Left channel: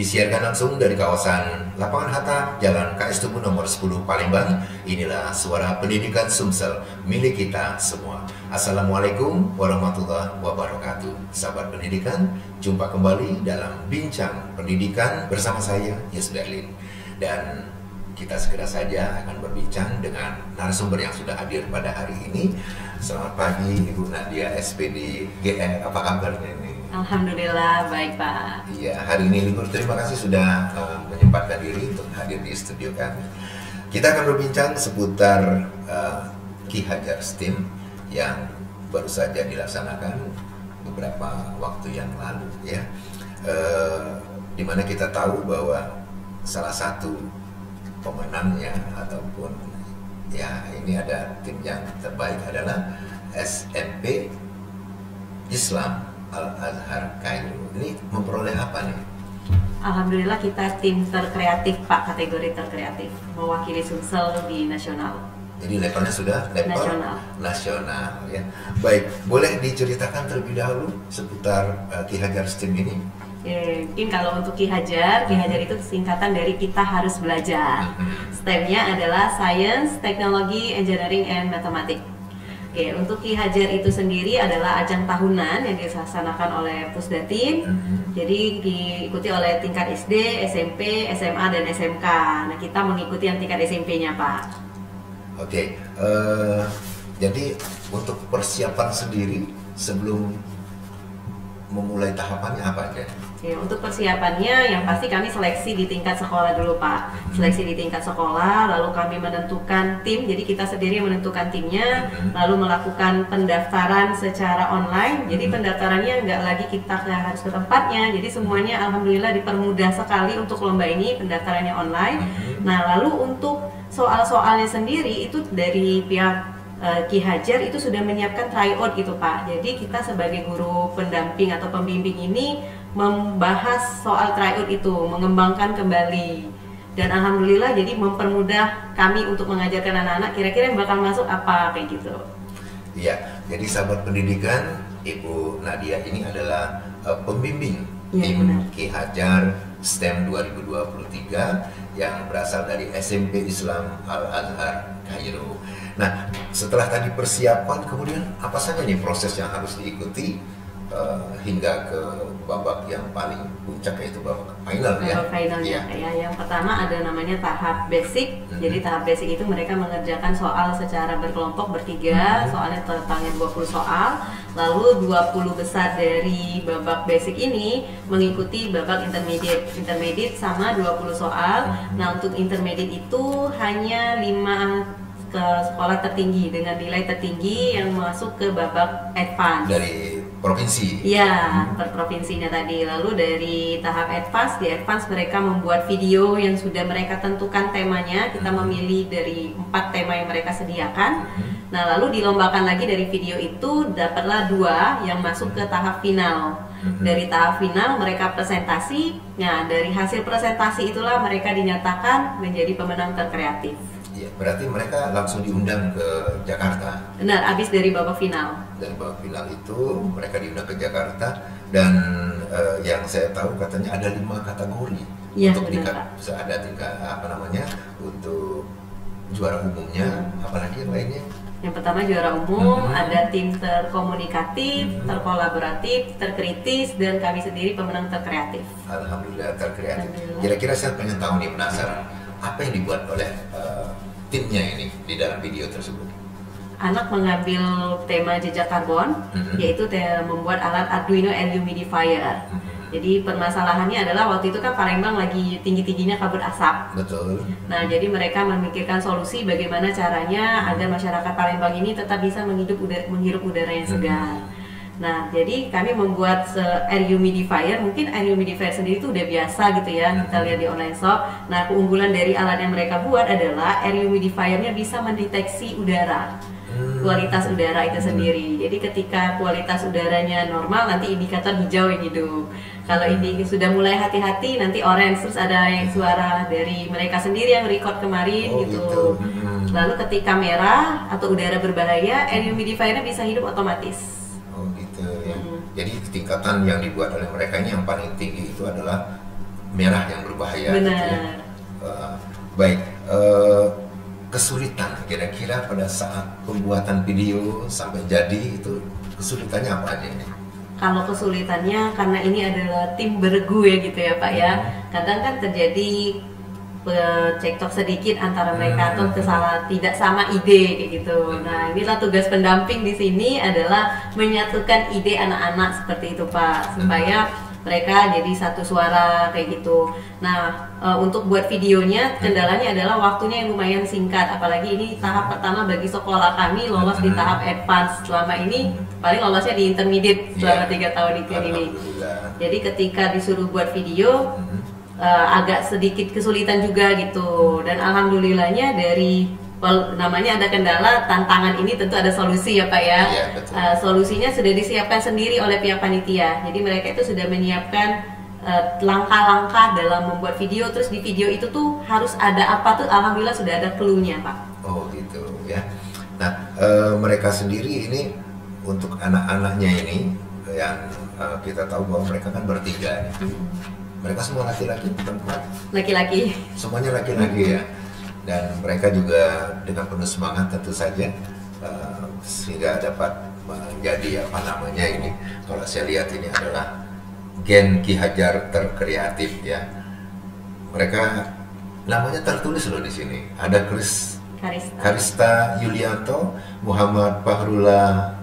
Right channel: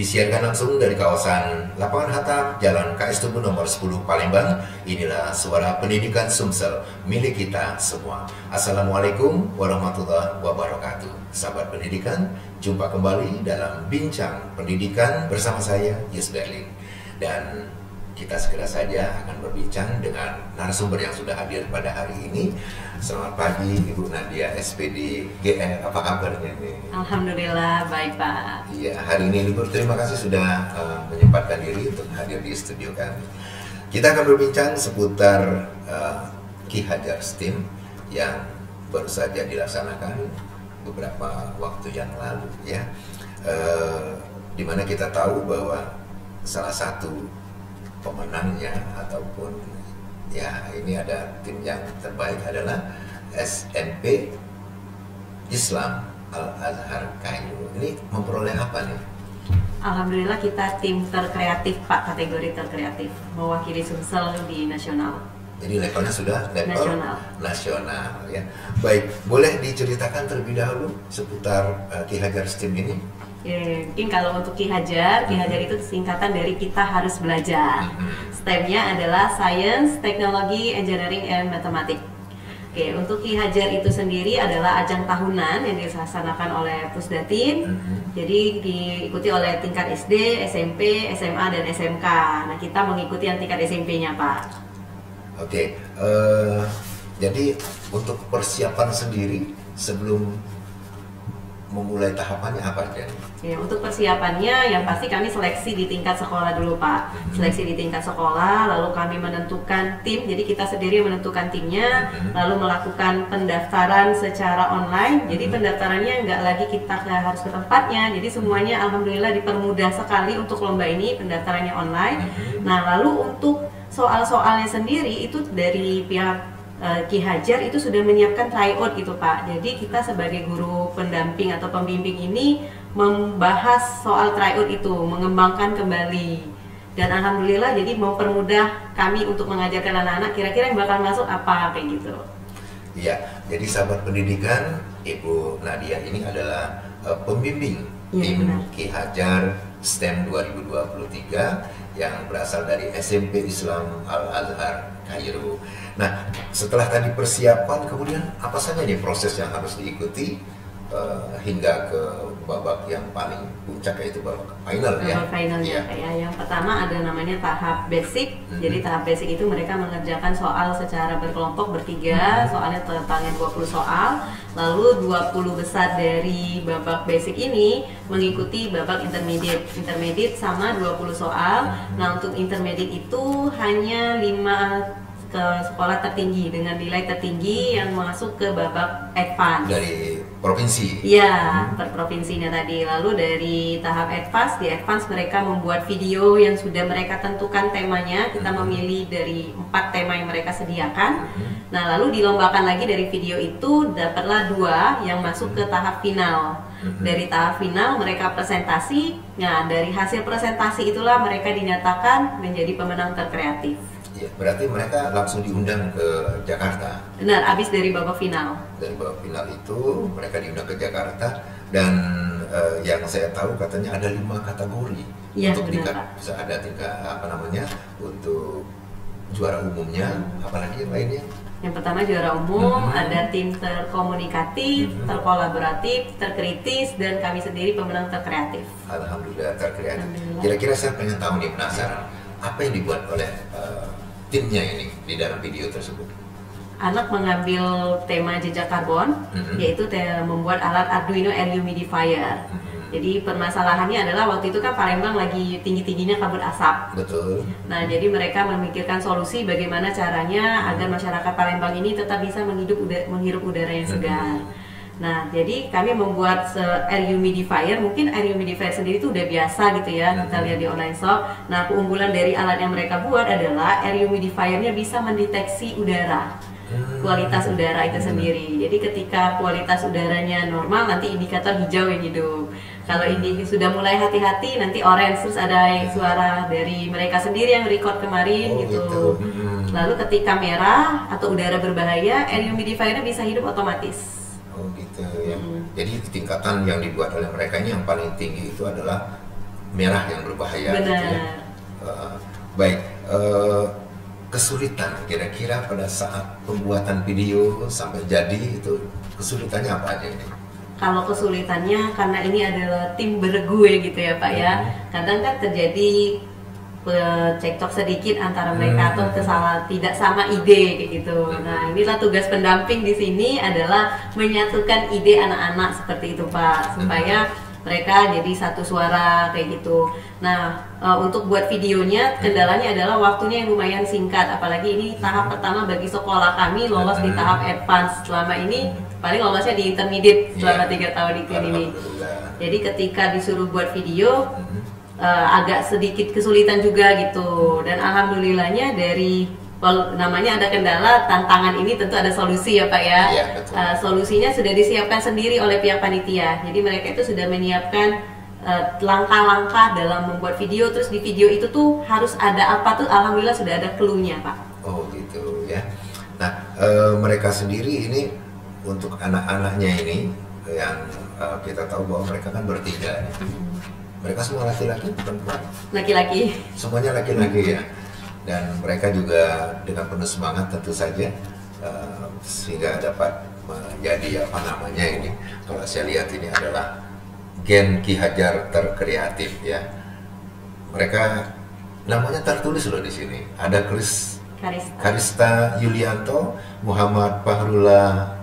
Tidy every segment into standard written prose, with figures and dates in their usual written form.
Disiarkan langsung dari kawasan Lapangan Hatta, Jalan KS Tubun nomor 10 Palembang. Inilah suara pendidikan Sumsel, milik kita semua. Assalamualaikum warahmatullahi wabarakatuh. Sahabat pendidikan, jumpa kembali dalam Bincang Pendidikan bersama saya, Yus Berlin. Dan kita segera saja akan berbincang dengan narasumber yang sudah hadir pada hari ini. Selamat pagi Ibu Nadia, SPD GR, apa kabarnya ini? Alhamdulillah, baik Pak. Iya, hari ini libur. Terima kasih sudah menyempatkan diri untuk hadir di studio kami. Kita akan berbincang seputar Ki Hajar STEM yang baru saja dilaksanakan beberapa waktu yang lalu, ya. Dimana kita tahu bahwa salah satu pemenangnya ataupun ya ini ada tim yang terbaik adalah SMP Islam Al-Azhar Kairo. Ini memperoleh apa nih? Alhamdulillah kita tim terkreatif Pak, kategori terkreatif, mewakili Sumsel di nasional. Jadi levelnya sudah level nasional ya. Baik, boleh diceritakan terlebih dahulu seputar Ki Hajar STEM ini? Mungkin kalau untuk Ki Hajar itu singkatan dari kita harus belajar. STEM-nya adalah Science, Technology, Engineering, and Mathematics. Oke, untuk Ki Hajar itu sendiri adalah ajang tahunan yang dilaksanakan oleh Pusdatin. Jadi diikuti oleh tingkat SD, SMP, SMA, dan SMK. Nah, kita mengikuti yang tingkat SMP-nya, Pak. Oke, jadi untuk persiapan sendiri sebelum memulai tahapannya apa aja? Ya, untuk persiapannya yang pasti kami seleksi di tingkat sekolah dulu Pak. Seleksi di tingkat sekolah, lalu kami menentukan tim. Jadi kita sendiri menentukan timnya, lalu melakukan pendaftaran secara online. Jadi pendaftarannya nggak lagi kita harus ke tempatnya. Jadi semuanya alhamdulillah dipermudah sekali untuk lomba ini, pendaftarannya online. Nah, lalu untuk soal-soalnya sendiri itu dari pihak Ki Hajar itu sudah menyiapkan tryout gitu Pak. Jadi kita sebagai guru pendamping atau pembimbing ini membahas soal tryout itu, mengembangkan kembali. Dan alhamdulillah jadi mempermudah kami untuk mengajarkan anak-anak kira-kira yang bakal masuk apa kayak gitu. Iya, jadi sahabat pendidikan, Ibu Nadia ini adalah pembimbing tim Ki Hajar STEM 2023 yang berasal dari SMP Islam Al-Azhar Kairo. Nah, setelah tadi persiapan, kemudian apa saja nih proses yang harus diikuti hingga ke babak yang paling puncak, yaitu babak final ya? Finalnya ya. Yang pertama ada namanya tahap basic. Jadi tahap basic itu mereka mengerjakan soal secara berkelompok bertiga, soalnya totalnya 20 soal. Lalu 20 besar dari babak basic ini mengikuti babak intermediate. Intermediate sama 20 soal. Nah, untuk intermediate itu hanya 5 ke sekolah tertinggi dengan nilai tertinggi yang masuk ke babak advance dari provinsi. Iya, per provinsinya tadi. Lalu dari tahap advance, di advance mereka membuat video yang sudah mereka tentukan temanya. Kita memilih dari 4 tema yang mereka sediakan. Nah, lalu dilombakan lagi dari video itu, dapatlah 2 yang masuk ke tahap final. Dari tahap final mereka presentasi. Nah, dari hasil presentasi itulah mereka dinyatakan menjadi pemenang terkreatif. Ya, berarti mereka langsung diundang ke Jakarta. Benar, habis dari babak final. Dari babak final itu mereka diundang ke Jakarta dan yang saya tahu katanya ada 5 kategori ya, untuk tingkat, Pak. bisa ada tingkat untuk juara umumnya, apalagi yang lainnya. Yang pertama juara umum, ada tim terkomunikatif, terkolaboratif, terkritis, dan kami sendiri pemenang terkreatif. Alhamdulillah terkreatif. Kira-kira saya pengen tahu nih, penasaran apa yang dibuat oleh timnya ini di dalam video tersebut. Anak mengambil tema jejak karbon, yaitu membuat alat Arduino air humidifier. Jadi permasalahannya adalah waktu itu kan Palembang lagi tinggi-tingginya kabut asap. Betul. Nah, jadi mereka memikirkan solusi bagaimana caranya agar masyarakat Palembang ini tetap bisa menghirup udara yang segar. Nah, jadi kami membuat air humidifier. Mungkin air humidifier sendiri itu udah biasa gitu ya, kita lihat di online shop. Nah, keunggulan dari alat yang mereka buat adalah air humidifiernya bisa mendeteksi udara, kualitas udara itu sendiri. Jadi ketika kualitas udaranya normal, nanti indikator hijau yang hidup. Kalau ini sudah mulai hati-hati, nanti orange. Terus ada yang suara dari mereka sendiri yang record kemarin gitu. Lalu ketika merah atau udara berbahaya, air humidifiernya bisa hidup otomatis. Oh gitu ya. Jadi tingkatan yang dibuat oleh mereka ini yang paling tinggi itu adalah merah yang berbahaya. Benar. Gitu ya. Baik, kesulitan kira-kira pada saat pembuatan video sampai jadi itu kesulitannya apa aja ini? Kalau kesulitannya karena ini adalah tim bergue gitu ya Pak ya. Kadang kan terjadi cekcok sedikit antara mereka atau tidak sama ide kayak gitu. Nah, inilah tugas pendamping di sini adalah menyatukan ide anak-anak seperti itu Pak, supaya mereka jadi satu suara kayak gitu. Nah, untuk buat videonya kendalanya adalah waktunya yang lumayan singkat, apalagi ini tahap pertama bagi sekolah kami lolos di tahap advance. Selama ini paling lolosnya di intermediate selama 3 tahun ini. Jadi ketika disuruh buat video agak sedikit kesulitan juga gitu, dan alhamdulillahnya dari namanya ada kendala, tantangan ini tentu ada solusi ya Pak ya. Iya, betul. Solusinya sudah disiapkan sendiri oleh pihak panitia, jadi mereka itu sudah menyiapkan langkah-langkah dalam membuat video. Terus di video itu tuh harus ada apa tuh, alhamdulillah sudah ada clue-nya Pak. Oh gitu ya. Nah, mereka sendiri ini untuk anak-anaknya ini yang kita tahu bahwa mereka kan bertiga. Mereka semua laki-laki, perempuan? Laki-laki. Semuanya laki-laki ya. Dan mereka juga dengan penuh semangat tentu saja, sehingga dapat menjadi apa namanya ini. Kalau saya lihat ini adalah Gen Ki Hajar terkreatif ya. Mereka namanya tertulis loh di sini. Ada Karista Yulianto, Muhammad Fahrullah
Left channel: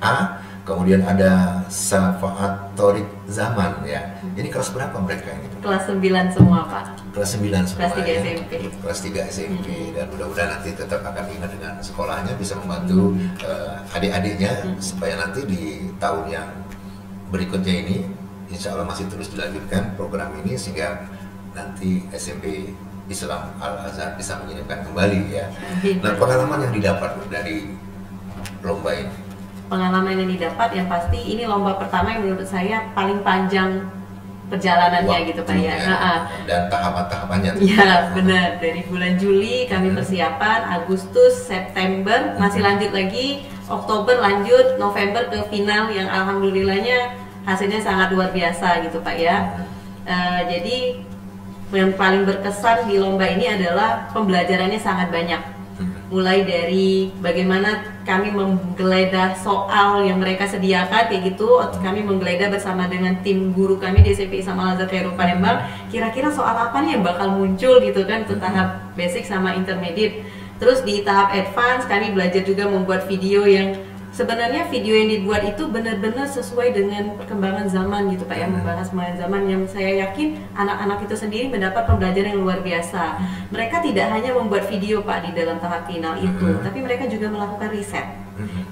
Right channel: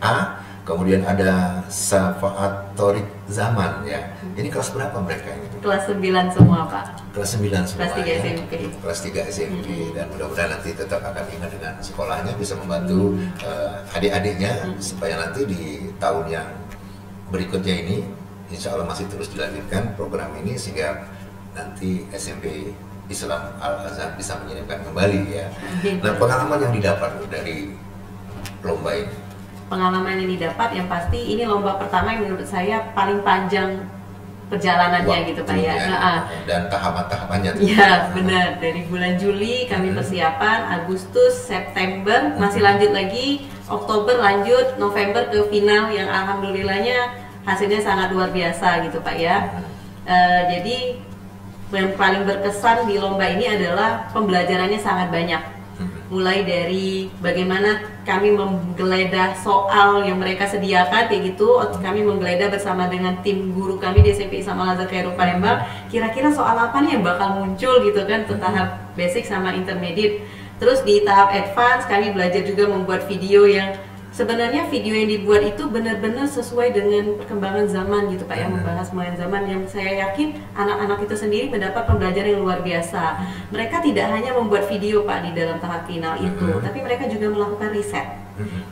A, kemudian ada Safaat Torik Zaman ya. Ini kelas berapa mereka ini? Kelas 9 semua Pak. Kelas 9 semua. Kelas 3 ya. SMP. Kelas 3 SMP dan mudah-mudahan nanti tetap akan ingat dengan sekolahnya, bisa membantu adik-adiknya supaya nanti di tahun yang berikutnya ini insya Allah masih terus dilanjutkan program ini, sehingga nanti SMP Islam Al-Azhar bisa mengirimkan kembali ya. Nah, pengalaman yang didapat dari lomba ini? Pengalaman yang didapat yang pasti ini lomba pertama yang menurut saya paling panjang perjalanannya gitu Pak ya. Dan tahapan-tahapannya. Ya benar, dari bulan Juli kami persiapan, Agustus, September masih lanjut lagi, Oktober lanjut, November ke final yang alhamdulillahnya hasilnya sangat luar biasa gitu Pak ya. Jadi yang paling berkesan di lomba ini adalah pembelajarannya sangat banyak. Mulai dari bagaimana kami menggeledah soal yang mereka sediakan kayak gitu, kami menggeledah bersama dengan tim guru kami di SMP Islam Al-Azhar Kairo Palembang, kira-kira soal apa nih yang bakal muncul gitu kan, untuk tahap basic sama intermediate. Terus di tahap advance kami belajar juga membuat video yang sebenarnya video yang dibuat itu benar-benar sesuai dengan perkembangan zaman gitu Pak ya, membahas perkembangan zaman yang saya yakin anak-anak itu sendiri mendapat pembelajaran yang luar biasa. Mereka tidak hanya membuat video Pak di dalam tahap final itu, tapi mereka juga melakukan riset.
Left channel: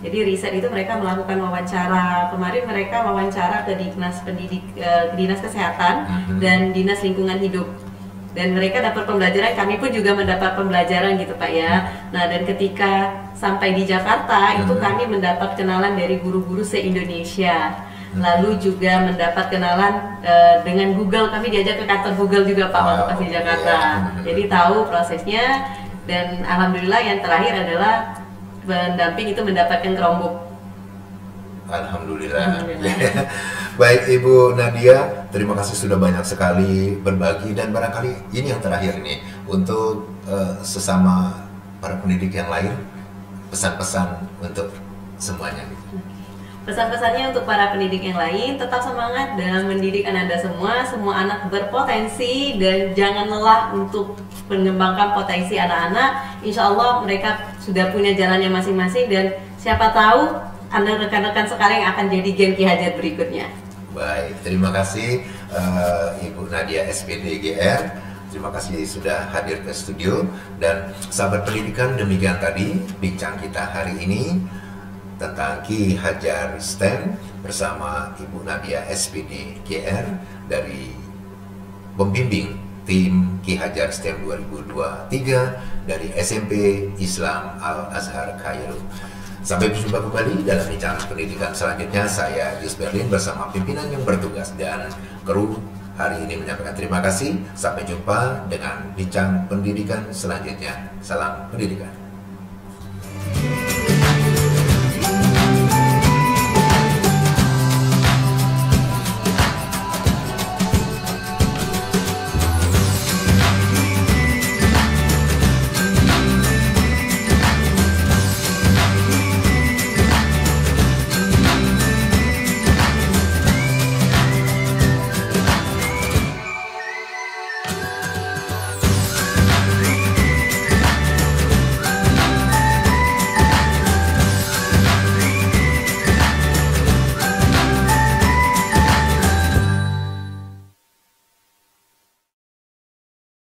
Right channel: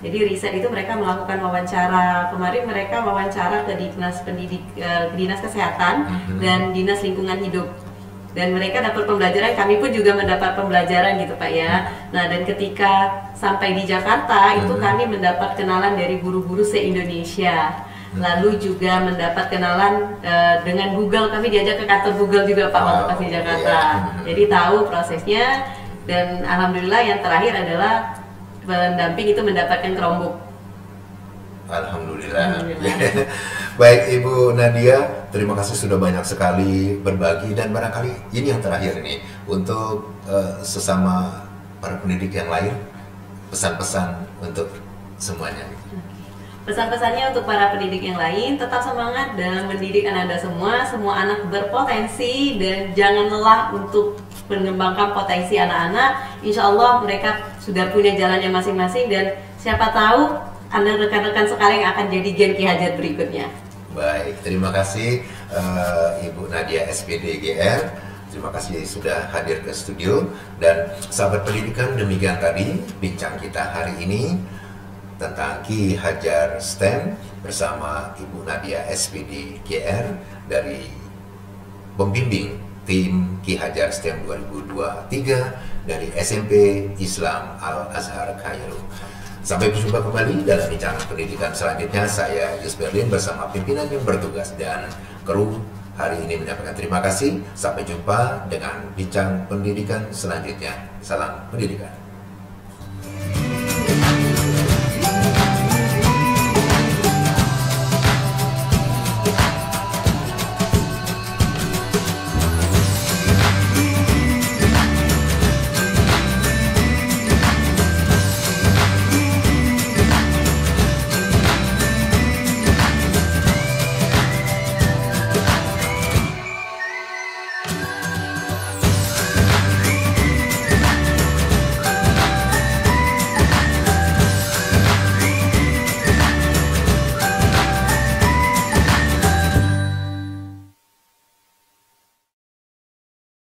Jadi riset itu mereka melakukan wawancara. Kemarin mereka wawancara ke Dinas Kesehatan dan Dinas Lingkungan Hidup. Dan mereka dapat pembelajaran, kami pun juga mendapat pembelajaran gitu Pak ya. Nah, dan ketika sampai di Jakarta itu kami mendapat kenalan dari guru-guru se-Indonesia. Lalu juga mendapat kenalan dengan Google, kami diajak ke kantor Google juga Pak waktu pas di Jakarta. Jadi tahu prosesnya, dan alhamdulillah yang terakhir adalah pendamping itu mendapatkan Chromebook. Alhamdulillah. Baik Ibu Nadia, terima kasih sudah banyak sekali berbagi, dan barangkali ini yang terakhir ini untuk sesama para pendidik yang lain, pesan-pesan untuk semuanya. Pesan-pesannya untuk para pendidik yang lain, tetap semangat dalam mendidik Anda semua. Semua anak berpotensi dan jangan lelah untuk mengembangkan potensi anak-anak. Insya Allah mereka sudah punya jalannya masing-masing, dan siapa tahu Anda rekan-rekan sekalian yang akan jadi Gen Ki Hajar berikutnya. Baik, terima kasih Ibu Nadia SPD GR. Terima kasih sudah hadir ke studio. Dan sahabat pendidikan, demikian tadi bincang kita hari ini tentang Ki Hajar STEM bersama Ibu Nadia SPD GR dari pembimbing tim Ki Hajar STEM 2023 dari SMP Islam Al-Azhar Kairo. Sampai berjumpa kembali dalam bincang pendidikan selanjutnya. Saya Yus Berlin bersama pimpinan yang bertugas dan kru hari ini menyampaikan terima kasih. Sampai jumpa dengan bincang pendidikan selanjutnya. Salam pendidikan.